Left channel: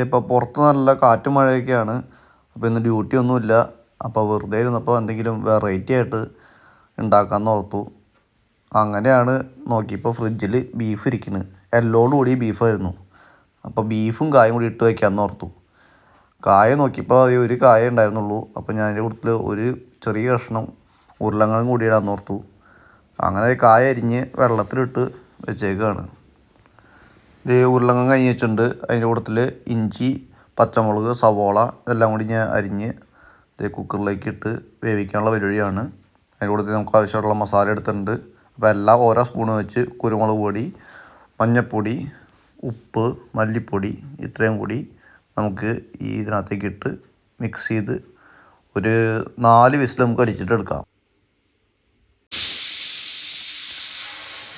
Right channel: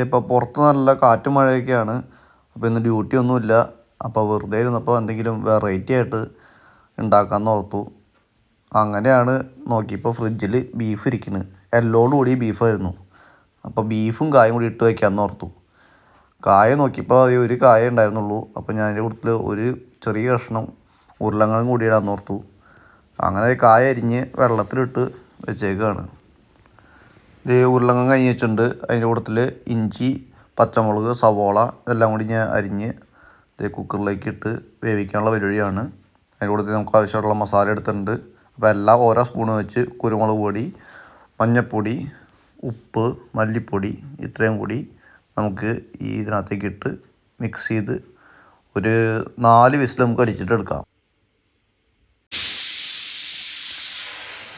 ഇപ്പോൾ പുറത്ത് നല്ല കാറ്റും മഴയൊക്കെയാണ്. അപ്പോൾ ഇന്ന് ഡ്യൂട്ടി ഒന്നുമില്ല. അപ്പോൾ വെറുതെ ഇരുന്നപ്പോൾ എന്തെങ്കിലും വെറൈറ്റി ആയിട്ട് ഉണ്ടാക്കാമെന്ന് ഓർത്തു. അങ്ങനെയാണ് നോക്കിയപ്പോൾ ഫ്രിഡ്ജിൽ ബീഫ് ഇരിക്കുന്നത് എല്ലോടും കൂടി ബീഫായിരുന്നു അപ്പോൾ ബീഫും കായും കൂടി ഇട്ട് വയ്ക്കാമെന്ന് ഓർത്തു. കായ നോക്കിയപ്പോൾ അത് ഒരു കായ ഉണ്ടായിരുന്നുള്ളൂ. അപ്പോൾ ഞാൻ എന്റെ കൂട്ടത്തിൽ ഒരു ചെറിയ കഷ്ണം ഉരുളങ്ങളും കൂടി ഇടാമെന്ന് ഓർത്തു. അങ്ങനെ കായ അരിഞ്ഞ് വെള്ളത്തിലിട്ട് വെച്ചേക്കാണ്. ഇത് ഉരുളങ്ങ കഴിഞ്ഞ് വെച്ചിട്ടുണ്ട്. അതിന്റെ കൂട്ടത്തിൽ ഇഞ്ചി പച്ചമുളക് സവോള ഇതെല്ലാം കൂടി ഞാൻ അരിഞ്ഞ് ഇത് കുക്കറിലേക്ക് ഇട്ട് വേവിക്കാനുള്ള പരിപാടിയാണ്. അതിന്റെ കൂട്ടത്തിൽ നമുക്ക് ആവശ്യമായിട്ടുള്ള മസാല എടുത്തിട്ടുണ്ട്. അപ്പോൾ എല്ലാം ഓരോ സ്പൂണ് വെച്ച് കുരുമുളക് പൊടി മഞ്ഞൾപ്പൊടി ഉപ്പ് മല്ലിപ്പൊടി ഇത്രയും കൂടി നമുക്ക് ഈ ഇതിനകത്തേക്ക് ഇട്ട് മിക്സ് ചെയ്ത് ഒരു നാല് വിസിൽ നമുക്ക് അടിച്ചിട്ട് എടുക്കാം.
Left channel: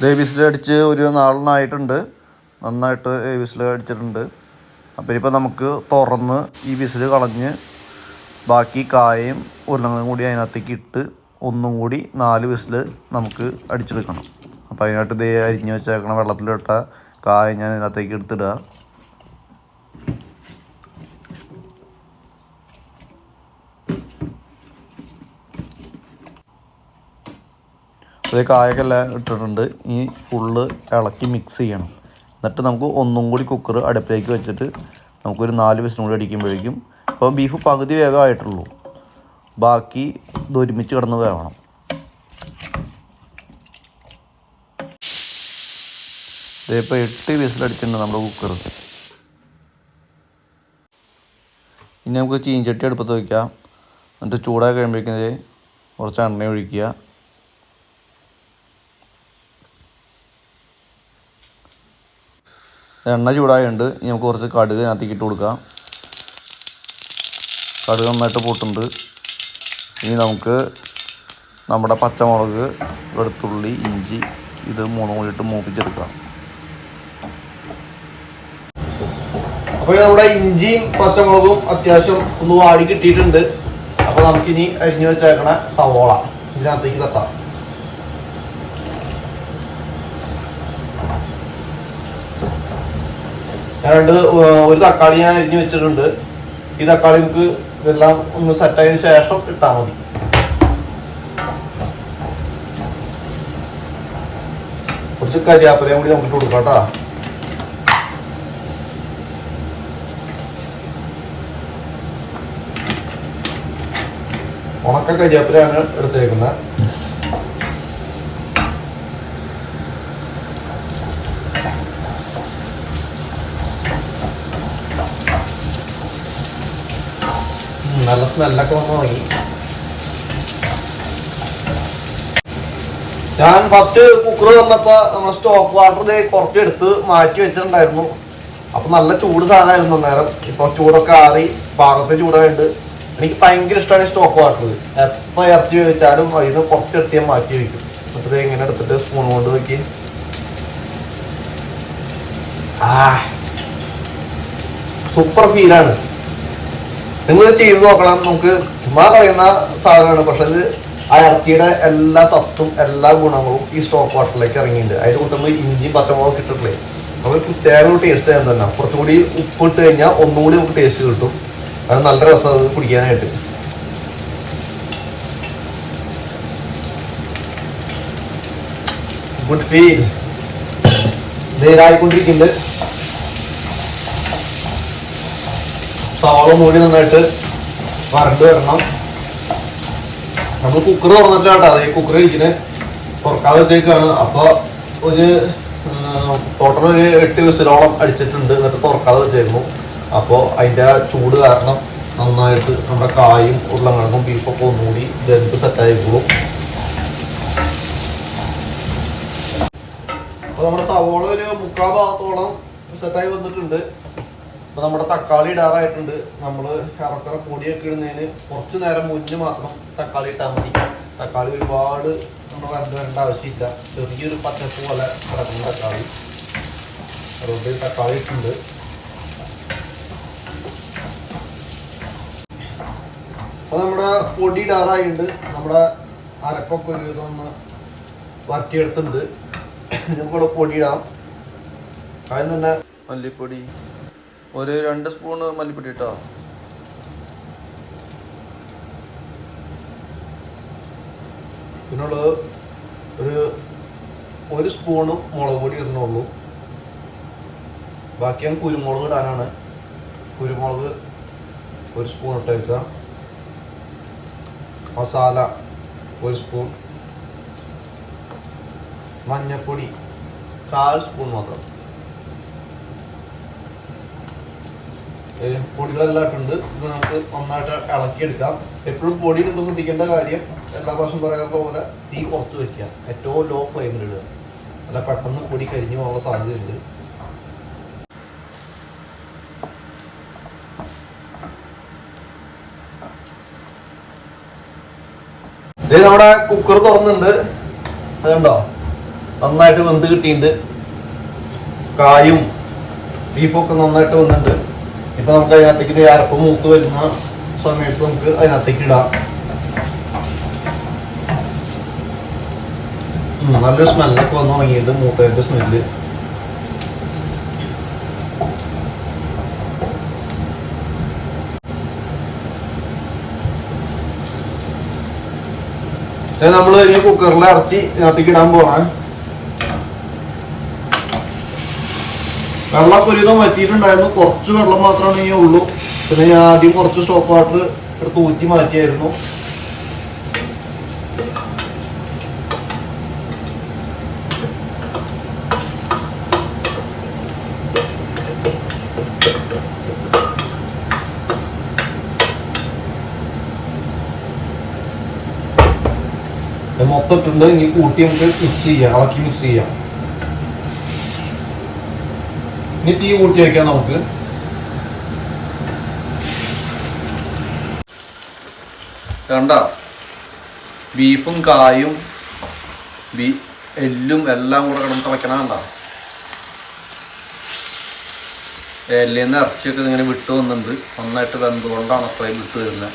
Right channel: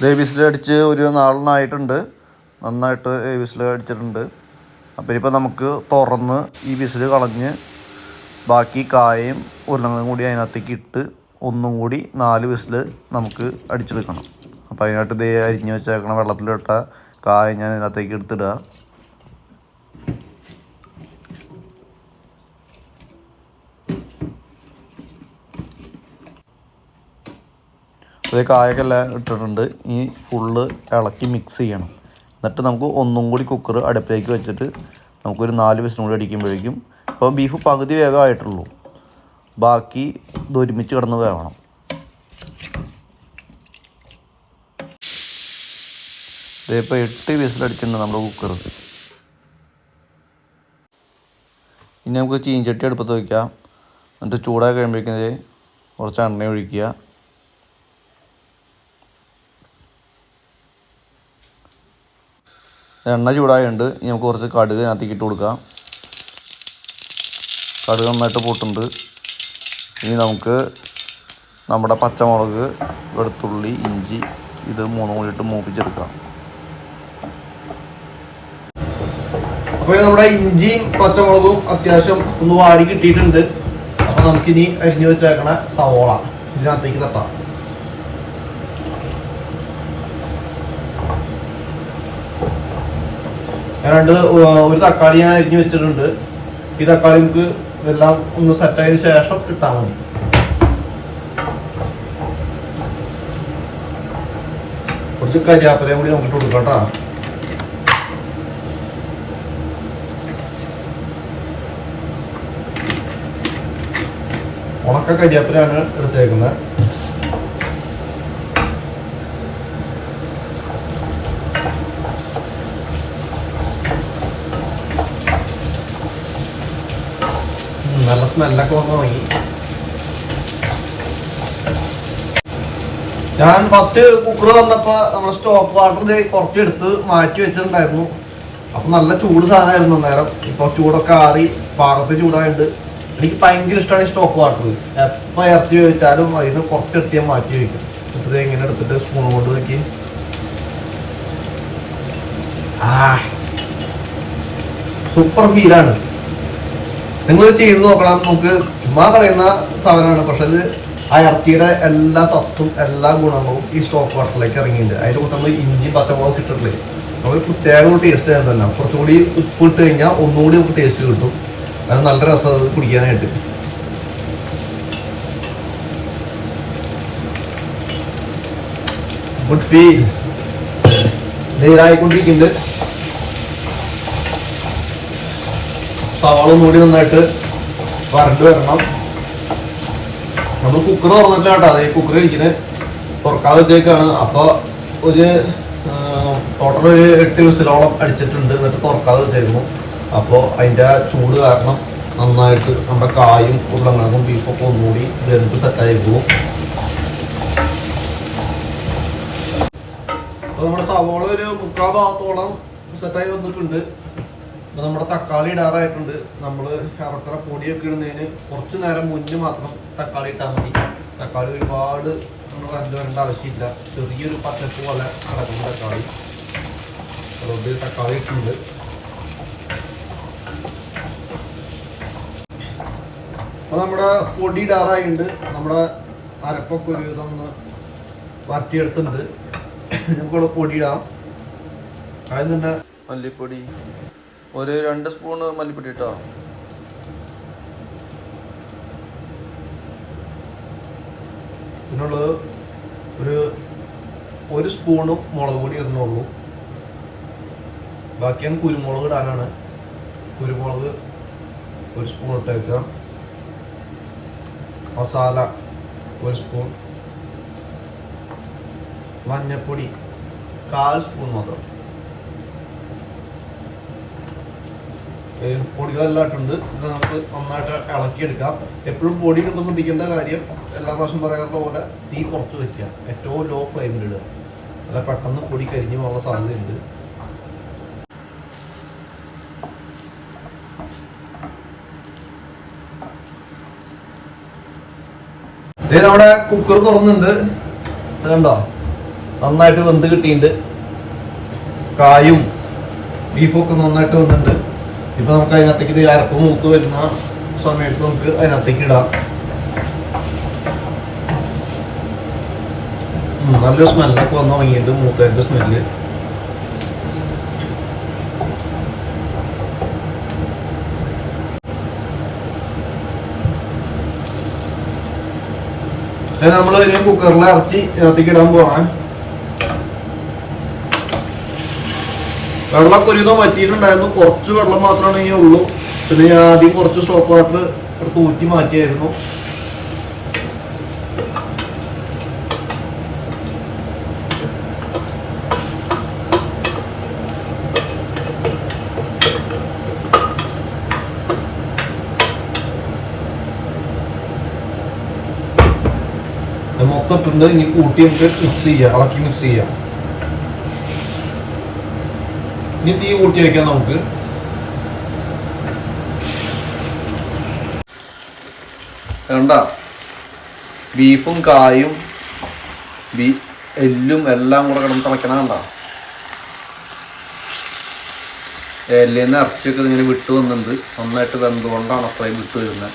ദേ വിസിൽ അടിച്ച് ഒരു നാലെണ്ണമായിട്ടുണ്ട് നന്നായിട്ട് വിസിൽ അടിച്ചിട്ടുണ്ട്. അപ്പോൾ ഇനിയിപ്പോൾ നമുക്ക് തുറന്ന് ഈ വിസിൽ കളഞ്ഞ് ബാക്കി കായയും ഉരുളങ്ങളും കൂടി അതിനകത്തേക്ക് ഇട്ട് ഒന്നും കൂടി നാല് വിസിൽ നമുക്ക് അടിച്ചെടുക്കണം. അപ്പോൾ അതിനായിട്ട് ഇതേ അരിഞ്ഞ് വെച്ചേക്കണം വെള്ളത്തിലിട്ട കായ ഞാൻ അതിനകത്തേക്ക് എടുത്തിടുക അതേ കായൊക്കെല്ലാം ഇട്ടിട്ടുണ്ട്. ഈ ഫുള്ള് ഇളക്കി മിക്സ് ചെയ്യണം. എന്നിട്ട് നമുക്ക് ഒന്നും കൂടി കുക്കർ അടുപ്പിലേക്ക് വെച്ചിട്ട് നമുക്കൊരു നാല് വിസിലും കൂടി അടിക്കുമ്പോഴേക്കും ഇപ്പോൾ ബീഫ് പകുതി വേഗമായിട്ടുള്ളൂ ബാക്കി ഇത് ഒരുമിച്ച് കിടന്ന് വേവണം. ഇതിപ്പോൾ എട്ട് വിസിലടിച്ചിട്ടുണ്ട് നമ്മുടെ കുക്കർ ഇനി നമുക്ക് ചീഞ്ചട്ടി അടുപ്പത്ത് വയ്ക്കാം എന്നിട്ട് ചൂടായി കഴിയുമ്പോഴേക്കും കുറച്ച് എണ്ണ ഒഴിക്കുക. എണ്ണ ചൂടായുണ്ട് ഇനി നമുക്ക് കുറച്ച് കടുക് അതിനകത്തേക്ക് ഇട്ട് കൊടുക്കാം. കടുക് നന്നായിട്ട് പൊട്ടുണ്ട്. ഇനി നമുക്ക് നമ്മുടെ പച്ചമുളക് വെളുത്തുള്ളി ഇഞ്ചി ഇത് മൂന്നും കൂടി ഇട്ട് മൂപ്പിച്ചെടുക്കാം. അപ്പോൾ നമ്മുടെ ഇഞ്ചിയും പച്ചമുളകും അത്യാവശ്യം ഒന്ന് വാടി കിട്ടിയിട്ടുണ്ട്. അപ്പോൾ നമുക്കിനി അരിഞ്ഞു വെച്ചേക്കണ സവോള ഇതിനകത്തേക്ക് തട്ടാം. ഞാൻ രണ്ട് ഒരു തക്കാളി ഞാൻ അരിഞ്ഞു വെച്ചിട്ടുണ്ട്. ഈ തക്കാളി നമുക്ക് ഇതെല്ലാം ഒന്ന് സെറ്റായതിനു ശേഷം ഇട്ടാൽ മതി. കുറച്ച് കരിയാപ്പലയും കൂടി നമുക്ക് കൊടുക്കാം കേട്ടോ. ഉണക്ക കരിയാപ്പിലാണ് എടുത്തേക്കുന്നത് നല്ല സ്മെല്ലൊക്കെ വന്ന് തുടങ്ങി ഞാൻ ഫസ്റ്റ് കുക്കർ വന്നപ്പോ നമ്മുടെ സ്റ്റോക്ക് വാട്ടർ കുറച്ചെടുത്ത് മാറ്റി വെച്ചിട്ടുണ്ടായിരുന്നു. അപ്പൊ നല്ല ചൂട് സാധനമായിരുന്നു നേരം ഇപ്പൊ ചൂടൊക്കെ ആറി പാകത്തെ ചൂടായിട്ട് എനിക്ക് ഭയങ്കര ഇഷ്ടമാണ് സ്റ്റോക്ക് വാട്ടർ എപ്പോ ഇറച്ചി ചോദിച്ചാലും അതിന് ഞാൻ മാറ്റി വെക്കും. എന്നിട്ട് ഇങ്ങനെ എടുത്തിട്ട് സ്പൂൺ കൊണ്ട് വെക്കി. ആ സൂപ്പർ ഫീലാണ് നിങ്ങൾ ചെയ്ത് നോക്കണം. നമുക്ക് ചുമ്മാ കളയുന്ന സാധനമാണ്. പക്ഷെ ഇത് ആ ഇറച്ചിയുടെ എല്ലാ സത്തും എല്ലാ ഗുണങ്ങളും ഈ സ്റ്റോക്ക് വാട്ടറിലേക്ക് ഇറങ്ങിയിട്ടുണ്ട്. അതിന്റെ കൂട്ടുമ്പോൾ ഇഞ്ചി പച്ചമുളക് ഇട്ടിട്ടില്ലേ? നമ്മൾ പ്രത്യേക ഒരു ടേസ്റ്റ് ചെയ്യാൻ തന്നെ. കുറച്ചും കൂടി ഉപ്പ് ഇട്ട് കഴിഞ്ഞാൽ ഒന്നുകൂടി നമുക്ക് ടേസ്റ്റ് കിട്ടും. അത് നല്ല രസം അത് കുടിക്കാനായിട്ട്. ഗുഡ് ഫീൽ നീരായിക്കൊണ്ടിരിക്കുന്നത് സവാള കൂടി നന്നായിട്ട് വരണ്ട് വരണം. നമ്മൾ കുക്കർ തുറന്നിട്ടില്ല കേട്ടോ. അതേ കുക്കർ ഇരിക്കുന്നത് തുറക്കാതെ വെച്ചേക്കാണ്. അപ്പോൾ ഒരു ടോട്ടൽ ഒരു എട്ട് വിസിലോളം അടിച്ചിട്ടുണ്ട്. എന്നിട്ട് തുറക്കാതെ വെച്ചേക്കുന്നു. അപ്പോൾ അതിന്റെ ചൂട് കാരണം നന്നായിട്ട് നമ്മുടെ കായും ഉരുളങ്ങൾക്കും ബീഫൊക്കെ ഒന്നുകൂടി വെന്ത് സെറ്റായിരിക്കും അപ്പോൾ നമ്മുടെ സവോള ഒരു മുക്കാൽ ഭാഗത്തോളം സെറ്റായി വന്നിട്ടുണ്ട്. അപ്പൊ നമ്മുടെ തക്കാളി ഇടാറായിട്ടുണ്ട്. നമ്മൾ ഇറക്കറ പൊടിയൊക്കെ ഇടുന്നതിന് കുറച്ച് നേരം മുന്നേ മാത്രം തക്കാളി ഇട്ടാൽ മതി. തക്കാളി ഒരുപാട് നമ്മൾ കറണ്ട് വരേണ്ട ആവശ്യമില്ല. ചെറിയൊരു പച്ചപ്പ് പോലെ കിടക്കുന്ന തക്കാളി. അതുകൊണ്ട് തക്കാളി ഇട്ടുണ്ട് അപ്പൊ നമ്മുടെ പൊടി ഇടാറായിട്ടുണ്ട്. നമ്മുടെ അരപ്പൊക്കെ ഒരു ഒന്ന് വരട്ടിയെടുത്തിട്ടുണ്ട് നമുക്കുള്ള പൊടി ഇടാം. തന്നെ മല്ലിപ്പൊടി ഒരു രണ്ട് സ്പൂണ് മല്ലിപ്പൊടി കേട്ടോ പിന്നുള്ളത് ഒരു ഒരു സ്പൂണും മുളക് പൊടി ഇടുന്നുള്ളൂ. ബാക്കി ഞാൻ കുരുമുളക് ഇടാനാണ്. കുരുമുളക് ഒരു സ്പൂൺ ഇട്ടേക്കാം മസാല ഒരു സ്പൂൺ മഞ്ഞപ്പൊടി കാൽ സ്പൂൺ മാത്രം. ഏ, പൊടികളെല്ലാം ഇട്ടുണ്ട് ഇത് നമുക്ക് നന്നായിട്ട് ഇളക്കിയെടുക്കാം. എപ്പോഴും പൊടി നമ്മൾ ശ്രദ്ധിക്കേണ്ട കാര്യം എല്ലാ പ്രാവശ്യം പറയാറുള്ള പോലെ തീ കുറച്ച് വെക്കുക. ഏറ്റവും ലോ ഫ്ലെയിമിൽ ഇടുക. അല്ല പെട്ടെന്ന് പൊടി കരിഞ്ഞു പോകാനുള്ള സാധ്യതയുണ്ട്. നമ്മുടെ കുക്കർ തുറന്നുണ്ട് ഇത് കണ്ടോ? നന്നായിട്ട് വെന്ത് കിട്ടിയിട്ടുണ്ട്. കായും ബീഫൊക്കെ നന്നായിട്ട് വന്നിട്ടുണ്ട് ഇപ്പൊ നമുക്ക് അതിനകത്തേക്ക് ഇത് അരപ്പ് മൂത്ത് വരുന്ന സമയത്ത് നമുക്ക് അതിനകത്തേക്ക് ഇടാം. നല്ലൊരു സ്മെല്ലൊക്കെ വന്ന് തുടങ്ങിയിട്ടുണ്ട് മൂത്തതിന്റെ സ്മെല്ല്. നമ്മൾ വലിയ കുക്കറിൽ ഇറച്ചി ഇറത്തിക്കിടാൻ പോണേ. വെള്ളമൊക്കെ ഒരുവിധം വറ്റിയിട്ടുണ്ടായിരുന്നു. കുറച്ച് വെള്ളം മാത്രമാണ് ഈ ഉള്ളൂ. പിന്നെ ഞാൻ ആദ്യം കുറച്ച് സ്റ്റോപ്പ് വാട്ടർ എടുത്ത് ഊറ്റി മാറ്റിയായിരുന്നു. ഇത് മൊത്തം ഇട്ടുണ്ട് ഇനി കൂട്ടി നമുക്ക് മിക്സ് ചെയ്യാം. ഇളക്കി മിക്സ് ചെയ്യാം. തീ കൂട്ടി വെക്കാം നമുക്ക്. കണ്ട? ബീഫും കായും ബീ എല്ലും എല്ലാം കൂടെ കിടന്ന് തിളയ്ക്കണ കണ്ട? എല്ലിന്ന് ഇറച്ചിയൊക്കെ ഇങ്ങനെ വിട്ടു വന്നിട്ടുണ്ട്. നന്നായിട്ട് വെന്തുകൊണ്ടാണ് അത്രയും വിട്ടു വരുന്നത്.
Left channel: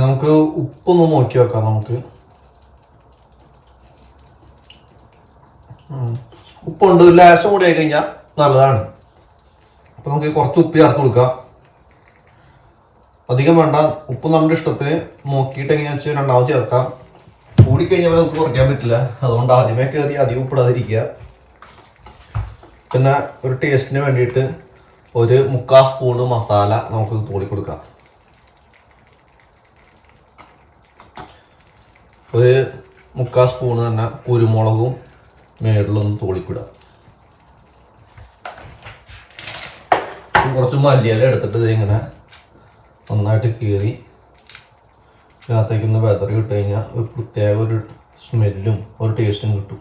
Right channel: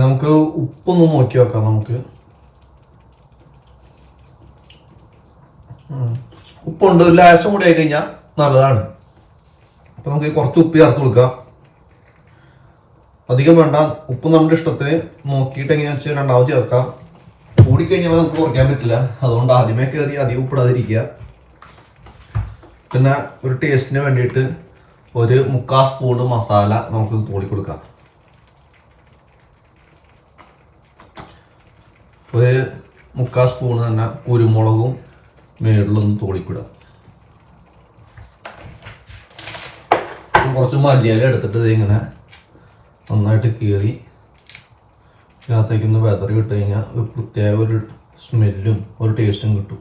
നമുക്ക് ഉപ്പൊന്ന് നോക്കി വെക്കാം നമുക്ക്. ഉപ്പുണ്ട്. ലാശം കൂടി ആയി കഴിഞ്ഞാൽ നല്ലതാണ്. അപ്പൊ നമുക്ക് കുറച്ച് ഉപ്പ് ചേർത്ത് കൊടുക്കാം. അധികം വേണ്ട. ഉപ്പ് നമ്മുടെ ഇഷ്ടത്തിന് നോക്കിയിട്ട് എങ്ങനെയാ വെച്ചാൽ രണ്ടാമത് ചേർക്കാം. കൂടിക്കഴിഞ്ഞാൽ ഉപ്പ് കുറയ്ക്കാൻ പറ്റില്ല. അതുകൊണ്ട് ആദ്യമേ കയറി അധികം ഉപ്പിടാതിരിക്കുക. പിന്നെ ഒരു ടേസ്റ്റിന് വേണ്ടിയിട്ട് ഒരു മുക്കാൽ സ്പൂണ് മസാല നമുക്ക് തോടി കൊടുക്കാം. ഒരു മുക്കാൽ സ്പൂൺ തന്നെ കുരുമുളകും മേളിലൊന്ന് തൂളിപ്പിടുക കുറച്ച് മല്ലിയില എടുത്തിട്ട് ഇതിങ്ങനെ നന്നായിട്ട് കീറി ഇതിനകത്തേക്കൊന്ന് വെതറി ഇട്ട് കഴിഞ്ഞാൽ ഒരു പ്രത്യേക ഒരു സ്മെല്ലും ഒരു ടേസ്റ്റും കിട്ടും.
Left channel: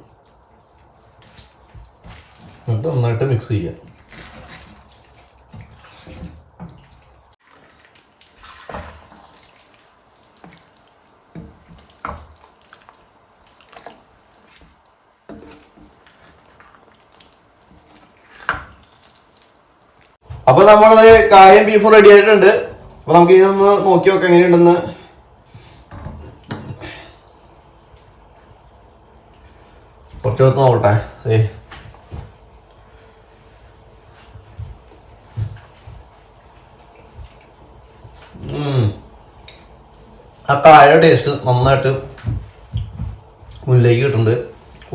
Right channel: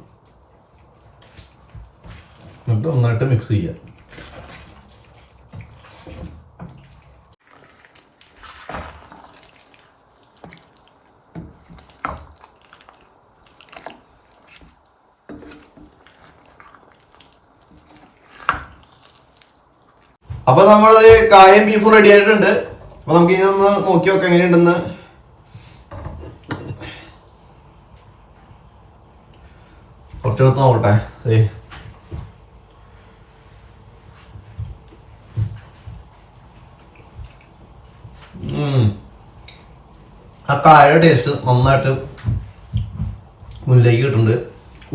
എന്നിട്ട് നന്നായിട്ട് മിക്സ് ചെയ്യുക അപ്പൊ നമ്മളത് കായം ബീഫും റെഡി ആയിട്ടുണ്ട്. അപ്പൊ നമുക്ക് ഇനി ഒന്ന് നോക്കി നോക്കാം എങ്ങനെയുണ്ടെന്ന് കുറച്ച് എടുത്ത് നോക്കട്ടെ. ആ കായയുടെ ടേസ്റ്റ് നന്നായിട്ട് മുന്നിലേക്ക് കിട്ടുന്നുണ്ട്.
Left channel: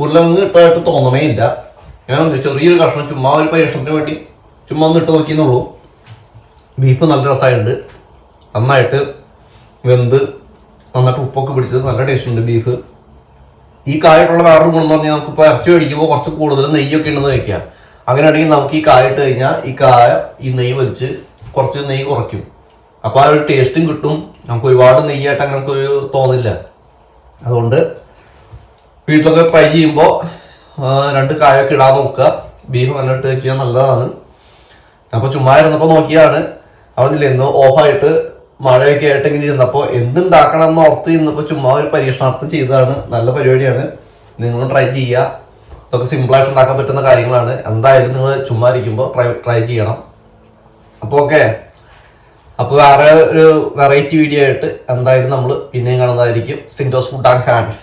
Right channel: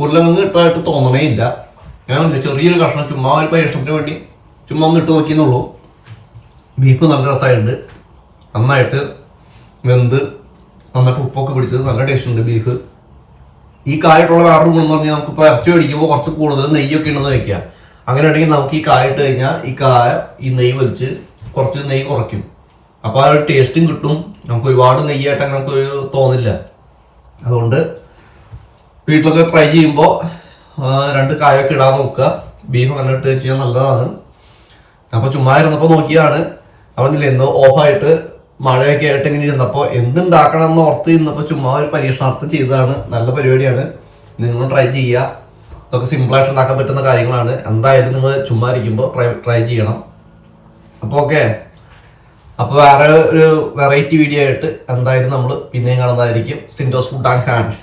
ഉരുളക്കിഴങ്ങ് ഇട്ടായിട്ട് തോന്നണേ ഇല്ല. ഞാൻ ചെറിയൊരു കഷ്ണം ചുമ്മാ ഒരു പരീക്ഷണത്തിന് വേണ്ടി ചുമ്മാ ഒന്ന് ഇട്ട് നോക്കിയെന്നുള്ളൂ. ബീഫ് നല്ല രസമായിട്ടുണ്ട് നന്നായിട്ട് വെന്ത് നന്നായിട്ട് ഉപ്പൊക്കെ പിടിച്ചത് നല്ല ടേസ്റ്റ് ഉണ്ട് ബീഫ്. ഈ കായിട്ടുള്ള വേറൊരു ഗുണം എന്ന് പറഞ്ഞാൽ നമുക്ക് ഇപ്പോൾ ഇറച്ചി മേടിക്കുമ്പോൾ കുറച്ച് കൂടുതൽ നെയ്യൊക്കെ ഉണ്ടെന്ന് വെക്കുക അങ്ങനെയാണെങ്കിൽ നമുക്ക് ഈ കായ ഇട്ട് കഴിഞ്ഞാൽ ഈ കായ ഈ നെയ്യ് വലിച്ച് കുറച്ച് നെയ്യ് കുറയ്ക്കും. അപ്പോൾ ആ ഒരു ടേസ്റ്റും കിട്ടും. നമുക്ക് ഒരുപാട് നെയ്യായിട്ട് അങ്ങനെ നമുക്കൊരു തോന്നില്ല. അതുകൊണ്ട് വീട്ടിലൊക്കെ ട്രൈ ചെയ്യുമ്പോൾ രണ്ട് കായൊക്കെ ഇടാൻ നോക്കുക. ബീഫ് നല്ല ഇട്ട് വെച്ച് കഴിഞ്ഞാൽ നല്ലതാണ്. അപ്പോൾ ചുമ്മാ ഇരുന്നപ്പോ നോക്കിയാണ്. അവിടെ ഇന്ന് ഓഫായിട്ട് മഴയൊക്കെ ആയിട്ട് ഇങ്ങനെ ഇരുന്നപ്പോൾ എന്തുണ്ടാക്കണം എന്ന് ഓർത്ത് ഇന്നപ്പോൾ ചുമ്മാ ഒരു പരീക്ഷണാർത്ഥം ചെയ്തതാണ്. നല്ല പരിപാടിയാണ്. നിങ്ങളും ട്രൈ ചെയ്യുക ഇതൊക്കെ സിമ്പിളായിട്ട് ഉണ്ടാക്കാൻ പറ്റുന്ന കാര്യങ്ങളാണ്. എന്തായാലും നിങ്ങൾ ചുമ്മാ ഇരിക്കുമ്പോൾ ട്രൈ ട്രൈ ചെയ്യണം. അപ്പോൾ ഓക്കെ അപ്പോൾ വേറെ ഒരു വെറൈറ്റി വീഡിയോ ആയിട്ട് എന്തായാലും നമ്മൾ പിന്നെയും കാണുന്നതായിരിക്കും. സിൻഡോസ് ഫുഡ് ആൻഡ് ഹാൻഡ്